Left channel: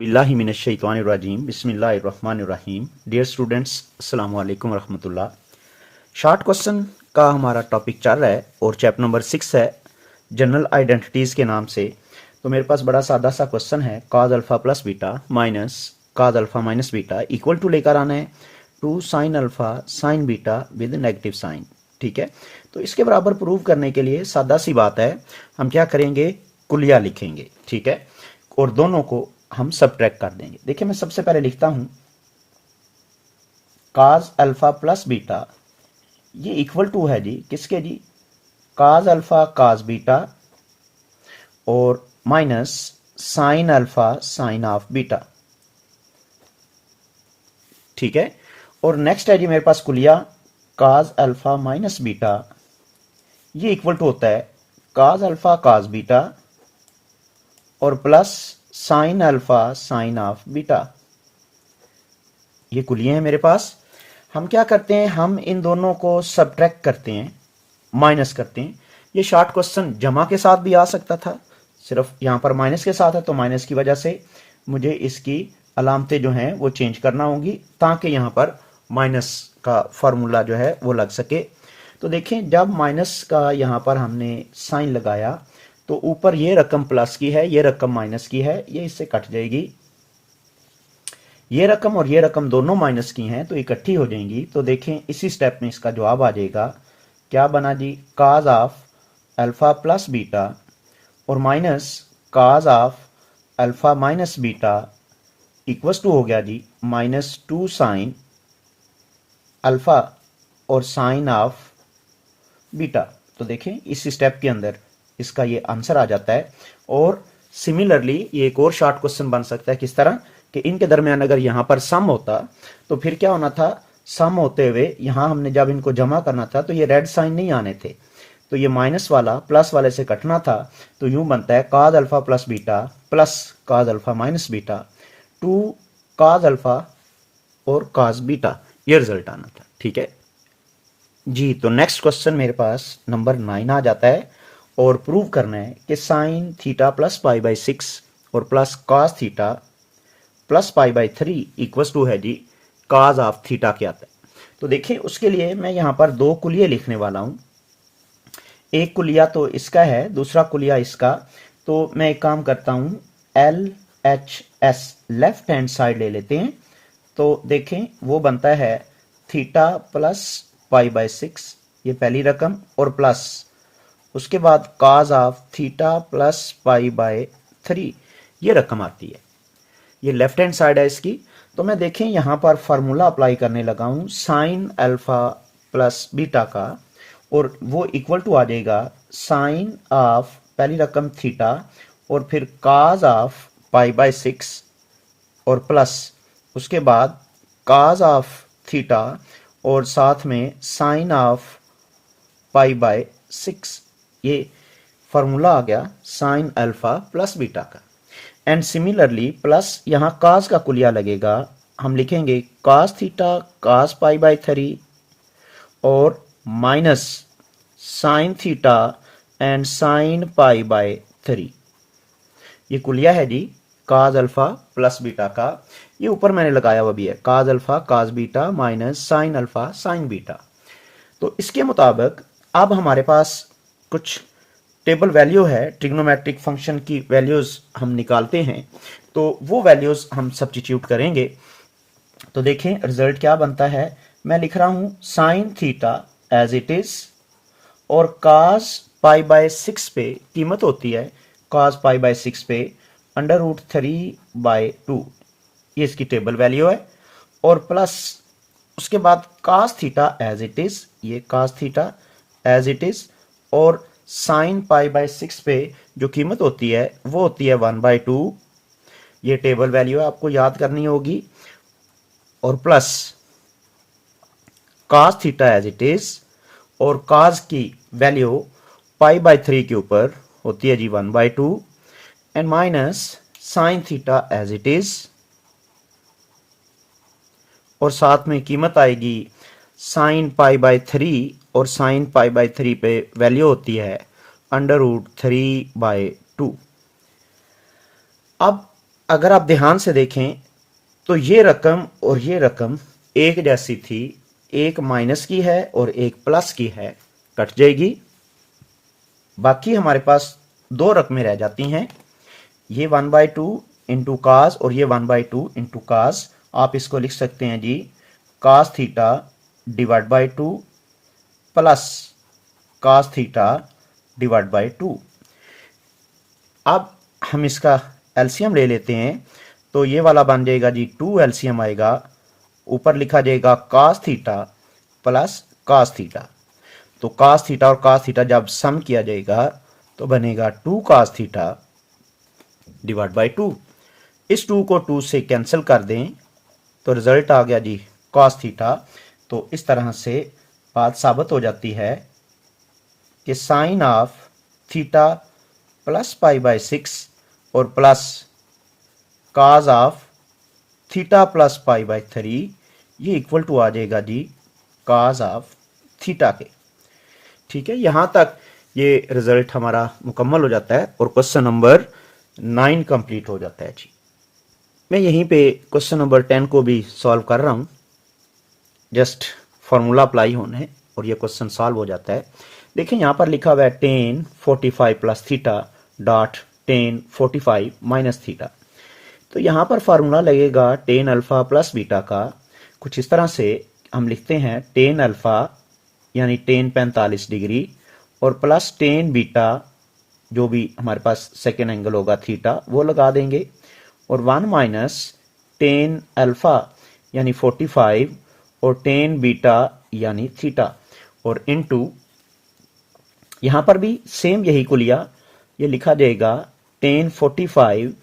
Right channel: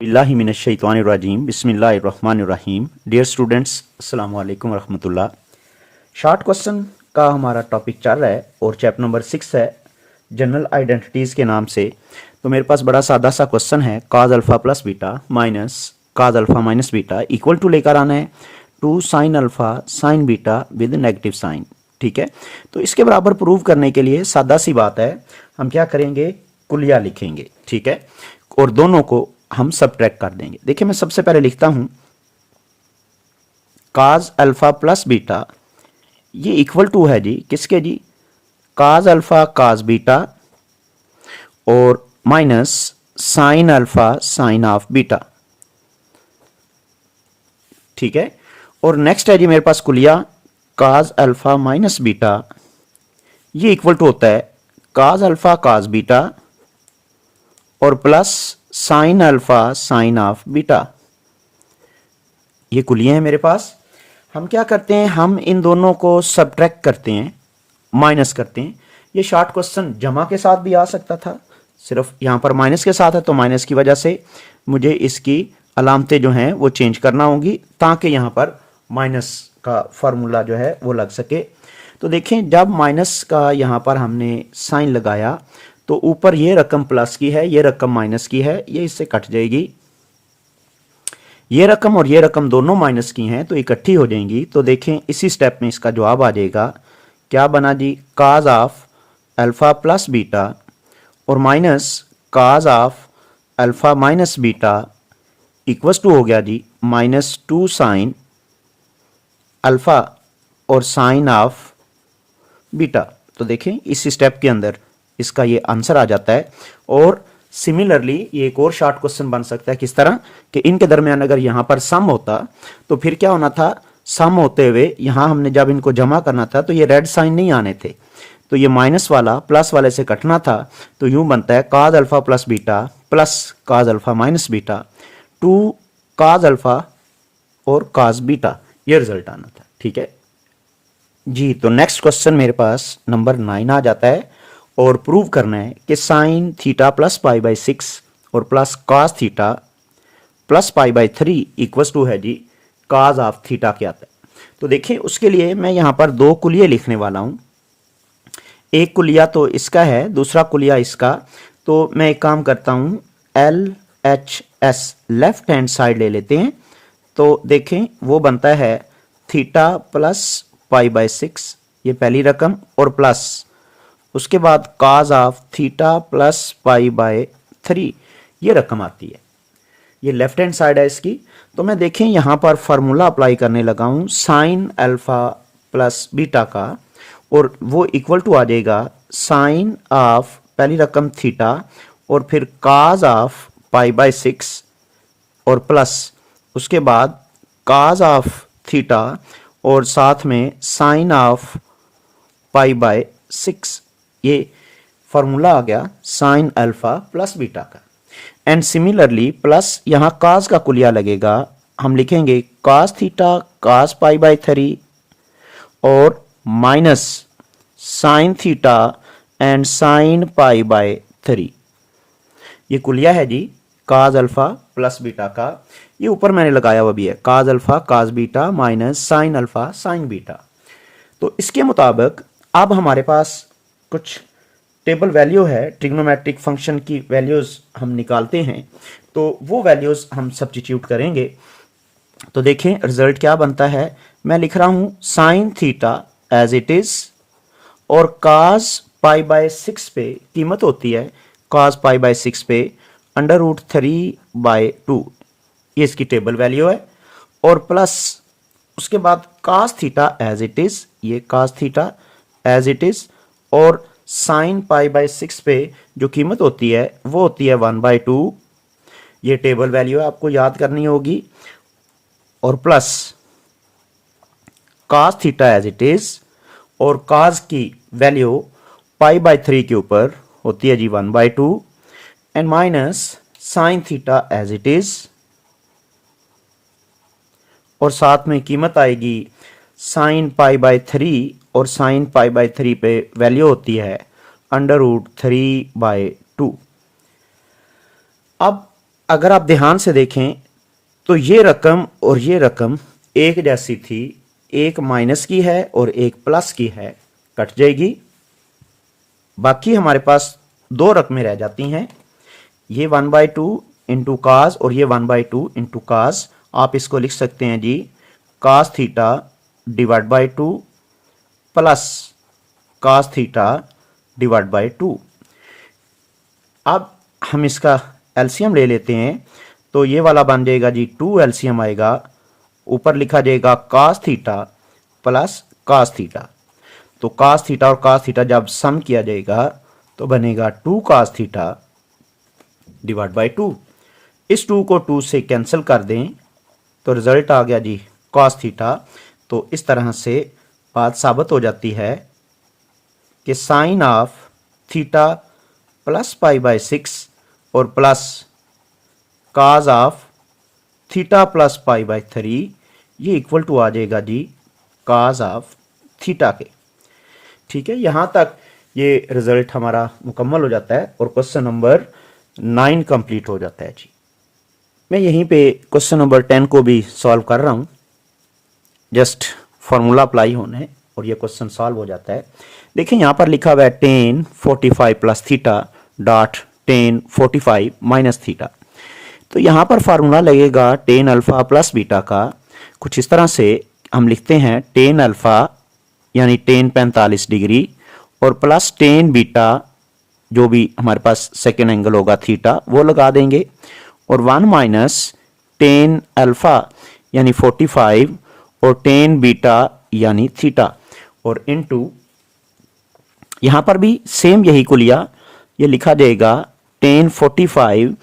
बिस्मिल्लाहिमिनश्शैतानिर्रजीम बिस्मिल्लाहिर्रहमानिर्रहीम। Dear students, अस्सलाम वालेकुम रहमतुल्लाह। शॉर्ट क्वेश्चन का हमारा टॉपिक चल रहा है और चैप्टर नंबर 6 है जनरल आइडेंटिटीज़ के नाम से। तो मेरे पास बड़ा सादा सा क्वेश्चन है, cos alpha plus beta minus cos alpha minus beta equal to लेकर आना है two sine alpha sine beta with negative sign. ठीक है, तो इसके बराबर प्रूव करने के लिए सादा सी बात है, हम क्या करेंगे, कुलिया लिखेंगे। ठीक है, और दोनों को हम सबट्रैक्ट कर देंगे। देखिए मैं सबसे पहले लिखता हूं काज अल्फा प्लस बीटा, ये इक्वल टू है जी किसके जी, काज अल्फा काज बीटा और minus sine alpha sign of beta. ठीक है, और नेक्स्ट है जी मेरे पास कुलिया काज अल्फा माइनस बीटा, ये इक्वल टू होता है काज अल्फा काज बीटा और plus sine alpha sign of beta. ये कुलिये हैं मेरे पास। हम क्या करते हैं, हम इन दोनों को सबट्रैक्ट करते हैं, माइनस करते हैं। ये शॉर्ट क्वेश्चन जमा के साथ भी आ सकता था, सिर्फ यहाँ पर माइनस के साथ है तो माइनस की वजह से मुझे इसकी अलामतें जो हैं वो चेंज करना होंगी ताकि यहाँ पर माइनस का फार्मूला जो है वो लग सके। तो देखें, जब माइनस का यहाँ पर हमने साइन लगाया तो ऊपर ये रकम प्लस की है, ये रकम माइनस की है, ये इससे कट जाएगी। ये रकम और ये रकम दोनों माइनस की हैं तो इकट्ठी हो जाएंगी। तो देखें इसी स्टेप में इसका जवाब आ जाएगा, क्या बना जी, cos of alpha plus beta और minus cos of alpha minus beta equals to हो गया जी माइनस टू साइन अल्फा और साइन ऑफ बीटा। तो देखें इस स्टेप के अंदर इसका ये आंसर आ जाता है। और सिमिलरली ये एक और शॉर्ट क्वेश्चन बन सकता है, किस तरह कि इनके दरमियान अगर यहाँ पर सम होता तो फिर क्या होना था, सम होते हुए यहाँ हमने जब इनको जमा करना था तो ये रेड साइन नहीं आने थे, तो ये माइनस वाला प्लस वाले से कटना था। तो यूं बनता है काज अल्फा प्लस बीटा प्लस काज अल्फा माइनस बीटा टू काज अल्फा और काज बीटा, ये रिजल्ट आना था। ठीक है जी, तो नेक्स्ट क्वेश्चन मेरे पास नंबर 9 आ जाता है और प्रूव करना है कि sine theta plus pi by 6 और plus cos theta plus pi by 3 equals to है जी काज ऑफ थीटा क्या आता है। तो देखिए उसके लिए मैं यहाँ पर दो कुलिये लिखने वाला हूँ, एक कुलिया तो इसका है, दूसरा कुलिया इसका। तो मैं एक काम करता हूँ, L H S left hand side ले लेते हैं। तो देखें वो बनता है थीटा प्लस पाई बाई 6, ये पहली रकम, और प्लस उसके बाद cos of theta plus pi by 3, ये रकम आती है। ये लेफ्ट हैंड साइड है इसकी। तो मैं देखें यहाँ पर फार्मूला अप्लाई करने लगा हूँ साइन अल्फा प्लस बीटा का, और वो इक्वल टू आ जाएगा साइन ऑफ पहली रकम थीटा और फिर काज ऑफ पाई बाय 6 और प्लस उसके बाद काज ऑफ थीटा और साथ में साइन ऑफ पाई बाय 6, ये फार्मूला आ गया साइन अल्फा प्लस बीटा का। एंड सिमिलरली प्लस यहाँ काज का कुलिया लगेगा, हम लिखेंगे काज थीटा काज पाई बाय 3 और minus sine theta and sign pi by 3। ये कुलिया है जी काज अल्फा प्लस बीटा का, ये ऊपर मैंने लगाया हुआ भी है काज अल्फा काज beta minus sine alpha sign beta. तो इसके मुताबिक अब हमारे पास कुछ टेबल वैल्यू है, ट्रिग्नोमेट्रिक फंक्शन की वैल्यूज हम निकालते हैं, तो वो वैल्यूज हम सब्स्टिट्यूट करेंगे। तो देखें रिजल्ट क्या बनता है, मैं लिख रहा हूं sine theta as it is और काज पाई बाय 6 पे कीमत होती है काज पाई बाय 6 पे अंडर रूट 3/2, ये इसकी टेबल वैल्यू है, और प्लस उसके बाद cos theta as it is, ये cos theta as it is, और साइन पाई बाय 6 पे जो कीमत होती है वो होती है 1/2, ये टेबल वैल्यू है, आपको याद करनी होगी, और plus cos theta as it is और काज की वैल्यू पाई बाय 3 के ऊपर होती है जी 1/2 and minus sine theta as it is, और साथ में कीमत आएगी साइन पाई बाय 3 और साइन पाई बाय 3 पे वैल्यू होती है अंडर रूट 3/2। अब अगर आप ध्यान से देखें तो ये रकम और ये रकम एक जैसी थी, एक माइनस की है और एक प्लस की है, कट जाएगी। बाकी हमारे पास दो रकमें रह जाती हैं, ये 1/2 इंटू काज और ये 1/2 इंटू काज। आप इसको लिख सकते हैं जी cos theta divide by 2 plus cos theta divide by 2। अब हम इसका एलसीएम ले लेते हैं, तो ये वाला बन जाएगा जी 2 एलसीएम आएगा, ऊपर लिखा जाएगा cos theta plus cos theta. तो कास थीटा और कास थीटा जब सम किया जाएगा तो बनेगा 2 कास थीटा डिवाइड बाई 2। इस 2 को 2 से कैंसिल कर दें तो रिजल्ट आ गया जी कास थीटा। तो इस तरह से बात साबित हो जाती है कि sine of theta plus pi by 6 और plus cos of theta plus pi by 3 ये इक्वल टू आ जाएगा जी काज ऑफ थीटा के। ठीक है, यहां तक ये रिजल्ट हमारा मुकम्मल हो जाता है और क्वेश्चन नंबर 9 कंप्लीट हो जाता है जी। मैं यहीं पे क्वेश्चन नंबर 10 को भी सॉल्व कर रहा हूं, जस्ट फॉर्मूला अप्लाई होना है और ये क्वेश्चन सॉल्व हो जाता है। देखिए यहां पर लिखा हुआ है tan 45 plus theta dot tan 45 minus theta. तो यहां पर फार्मूला लगेगा tan अल्फा प्लस बीटा का, कुछ इस तरह से हम लिखते हैं tan अल्फा यानी tan 45 डिग्री और प्लस tan बीटा जो भी हमारे पास सेकेंड एंगल होगा थीटा वो लगा देंगे, और 1 माइनस tan अल्फा यानी 45 और tan बीटा यानी थीटा, और इनटू यहां पर भी सेम यही को लिया, ये लिखा जाएगा tan 45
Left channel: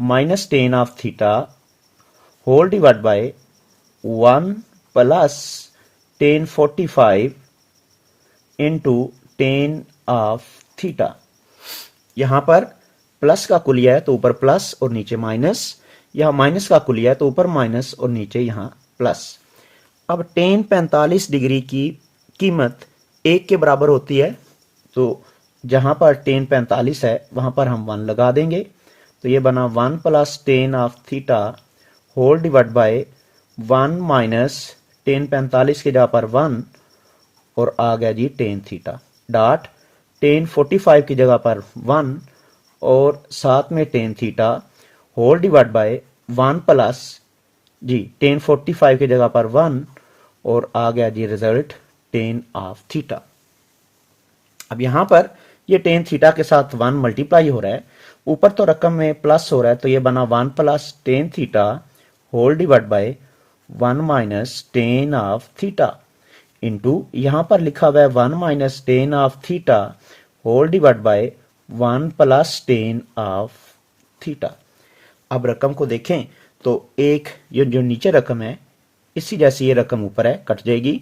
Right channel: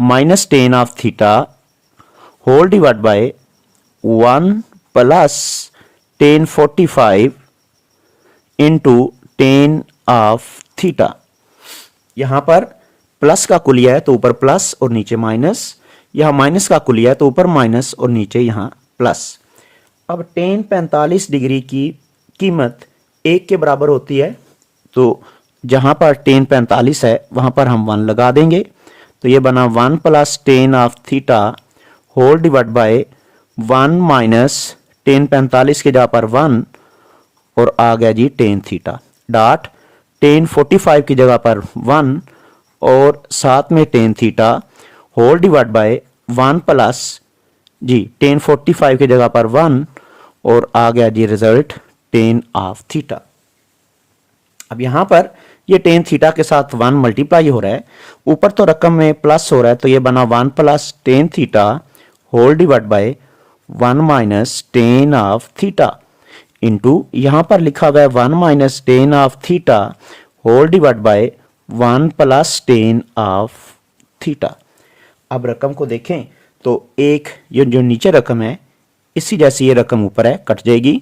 minus tan of theta whole divide by 1 plus tan 45 into tan of theta. यहां पर प्लस का कुलिया है तो ऊपर प्लस और नीचे माइनस, यहां माइनस का कुलिया है तो ऊपर माइनस और नीचे यहां प्लस। अब tan 45 डिग्री की कीमत 1 के बराबर होती है, तो जहां पर tan 45 है वहां पर हम 1 लगा देंगे, तो ये बना 1 plus tan of theta whole divide by 1 minus tan 45 के जगह पर 1 और आ गया जी tan थीटा डॉट tan 45 की जगह पर 1 और साथ में tan theta whole divide by 1 plus जी tan 45 की जगह पर 1 और आ गया जी रिजल्ट tan ऑफ थीटा। अब यहां पर ये tan थीटा के साथ 1 मल्टीप्लाई हो रहा है, ऊपर तो रकम में प्लस हो रहा है, तो ये बना 1 plus tan theta whole divide by 1 minus tan of theta into यहां पर लिखा हुआ है 1 minus tan of theta whole divide by 1 plus tan of theta. अब रकम को देखें तो एक ये जो नीचे रकम है इसी जैसी ये रकम ऊपर है, कट जाएगी,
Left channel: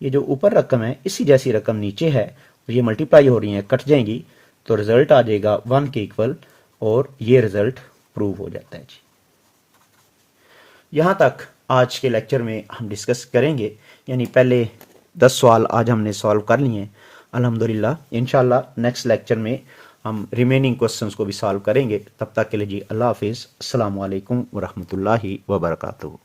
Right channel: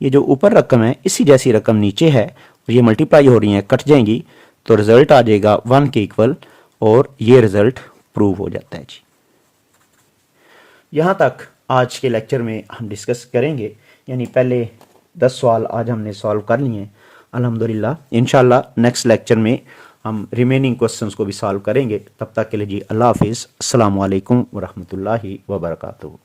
ये जो ऊपर रकम है इसी जैसी रकम नीचे है, और ये मल्टीप्लाई हो रही है, कट जाएंगी, तो रिजल्ट आ जाएगा 1 के इक्वल, और ये रिजल्ट प्रूव हो जाता है जी। यहां तक आज के लेक्चर में हम डिस्कस करेंगे, यानी पहले 10 सवाल आज हमने सॉल्व कर लिए हैं अल्हम्दुलिल्लाह। इंशाल्लाह नेक्स्ट लेक्चर में हम रिमेनिंग क्वेश्चंस को भी सॉल्व करेंगे। तब तक के लिए जी अल्लाह हाफिज़, अस्सलामु अलैकुम व रहमतुल्लाहि व बरकातुहू।